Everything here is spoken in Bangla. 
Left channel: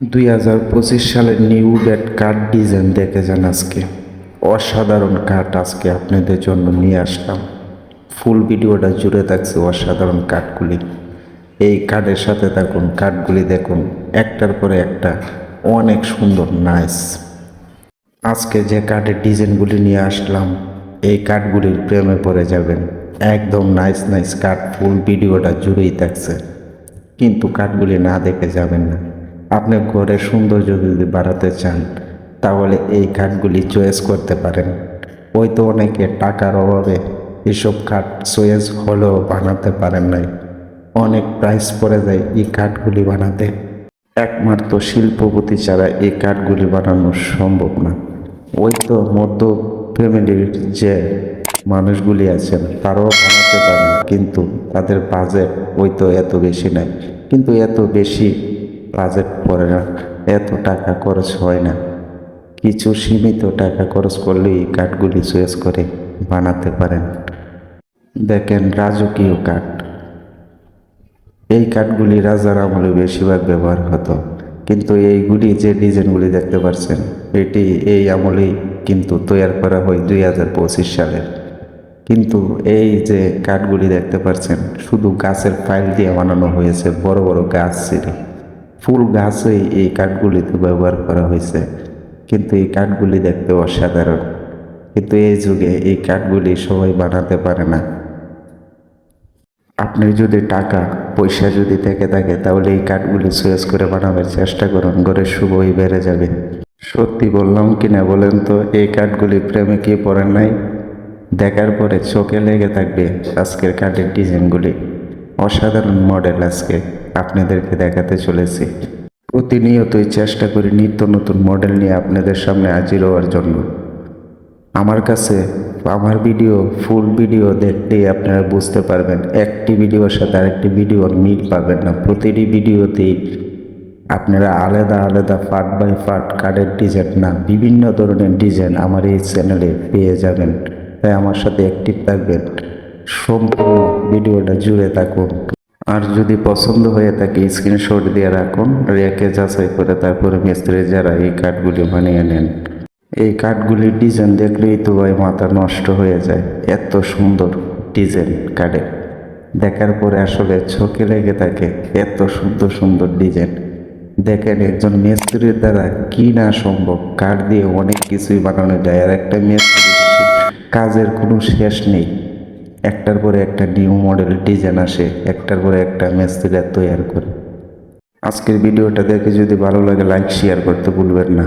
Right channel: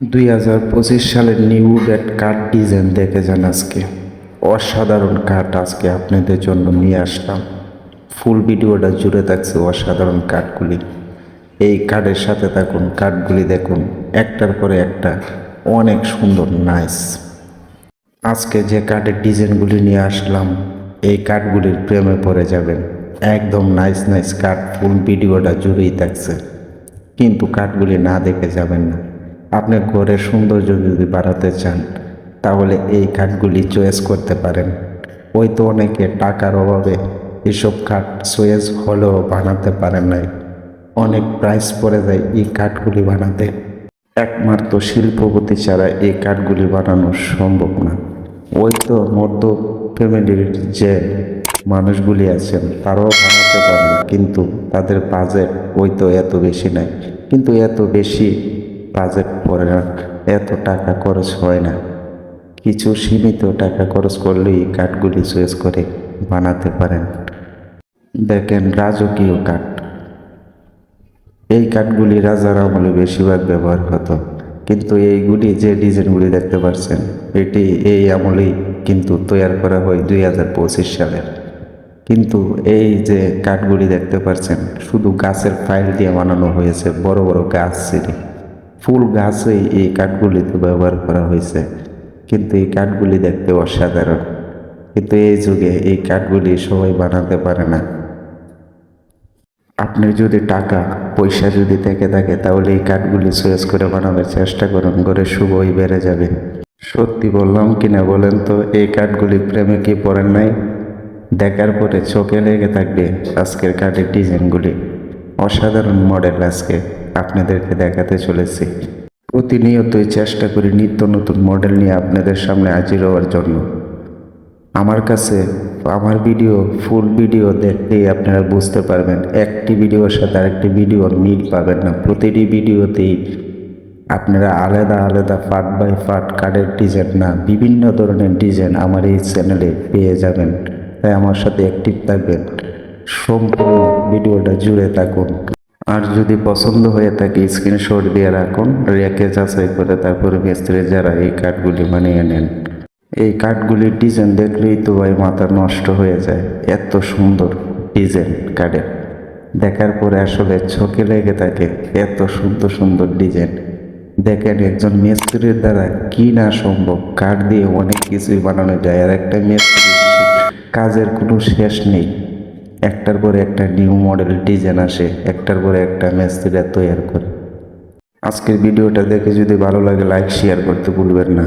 দুই হাজার পঁচিশ সালের নিউ রেড কার্ড ডিজাইন দেখে যান আজকে। অসাধারণ কাঠ আজকে আপনাদের জন্য নিয়ে আসলাম। ফুল ভিডিওটা জুড়ে থাকছে অসাধারণ কাঠগুলি এই কাঠের সাথে দেখুন কাঠগুলি দেখুন, একটার পরে একটা, অনেক সুন্দর নাইস আজকে যে কাঠের ডিজাইনগুলি নিয়ে আসলাম, এই কাঠগুলির প্রেমে পড়ে যাবেন। একদম নাইস নাইস কাঠ ফুল ভিডিওটা জুড়েই থাকছে। কিন্তু কাঠগুলি না দেখে যাবেন না। আপনি ঘরের সৌন্দর্য যদি বাড়াতে চান, তাহলে এই কাঠগুলি চয়েস করতে পারেন। ওই তো অনেকে টাকার অভাবে এসব কাঠ চয়েস হলেও বানাতে পারেন নাই। অনেক প্রাইস পড়ে যায় এই কাঠগুলি বানাতে। একমাত্র শিল্পপতি ছাড়া এই কাঠগুলি বানানো সম্ভব না। ওই তো মধ্য ফ্যামিলির যে মানুষগুলি আছেন, তারাও বানাতে পারেন, কিন্তু তাদের বাজেট ওই তো এত বেশি না কিন্তু এত বেশি বাজেট পড়ে না এত টাকা খরচ হয় না। কিছু সীমিত টাকা খরচ করলেই কাঠগুলি চয়েস করে বানাতে পারেন। দেখেন রাজকীয় কাঠ। এই কাঠগুলি রাজার আমলে বেশিরভাগ ব্যবহার হতো। কিন্তু এইগুলি যে ডিজাইনগুলি দেখতে পাচ্ছেন, এটি এই আমলেই কিন্তু তৈরি করা হয় দুই হাজার পঁচিশ সালের। কিন্তু এই যে কাঠগুলি দেখতে পাচ্ছেন, শুধু গাছের ফাইল দিয়ে বানানো হয়েছে, বড় বড় গাছ ছিল। ফুল গাছে এই কাঠগুলিতে ব্যবহার করা হয়েছে। কিন্তু এই কাঠগুলি দেখতে অসাধারণ। কিন্তু এই যুগে এই কাঠগুলি সবাই বানাতে পারে না। আপনি যদি টাকা, পয়সা যদি থেকে থাকে, তাহলে এই কাঠগুলি চয়েস করে বানাবার চেষ্টা করুন, ঘরে শুভই বেড়ে যাবে। সত্যি বললাম কিনা বলেন তো, এই কাঠগুলি প্রেমে কি পড়ে নাই? দেখার পরে চোখে লেগে থাকবে আজকের কাঠের ডিজাইনগুলি। অসাধারণ মডেল আজকে। আপনাদেরকে দেখাতে চলেছি। প্রতিনিয়তই চেষ্টা করি নিত্য নতুন মডেল নিয়ে আপনাদের সামনে হাজির হওয়ার জন্য। আমার কাছে আমার ভিডিও ফুল ভিডিও দেখলেই আপনারা বুঝতে পারবেন, একটি ভিডিওর সাথে আরেকটি ভিডিওর মিল পাবেন না। প্রতিটি ভিডিওতেই আপনারা আলাদা আলাদা পার্ট বাই পার্ট কার্ডের ডিজাইন না, বিভিন্ন ধরনের ডিজাইন আমার এই চ্যানেলে পেয়ে যাবেন। হ্যাঁ আমার সাথে অ্যাক্টিভ থাকবেন। সম্পূর্ণ ভিডিওটা জুড়ে থাকুন। আর যদি পছন্দ হয়ে থাকে স্ক্রিনশট দিয়ে রাখুন, রেখে যাচাই করে তারপরে মিস্ত্রি যারা এই কার্ডগুলি বানিয়ে নেন। এই কাঠগুলির ডিজাইন দেখলেই তো ভাই মাথা নষ্ট হয়ে যায়। এত সুন্দর ডিজাইন কাঠের। দেখার পরে আসলে চোখে লেগে থাকে, এত সুন্দর সুন্দর ডিজাইন দেখেন একজন মিস্ত্রির দ্বারা কি না সম্ভব, কাঠ দিয়ে অনেক কিছুই বানানো যায়। আর একটা মিস্ত্রি, কাজের কোনো শেষ নেই। একটার পরে একটা নিউ মডেল ডিজাইন আসে, একটার পরে একটা মিস্ত্রিরা তৈরি করে। আজকের ভিডিওটা দেখে যদি ভালো লাগে লাইক শেয়ার করতে ভুলবেন না।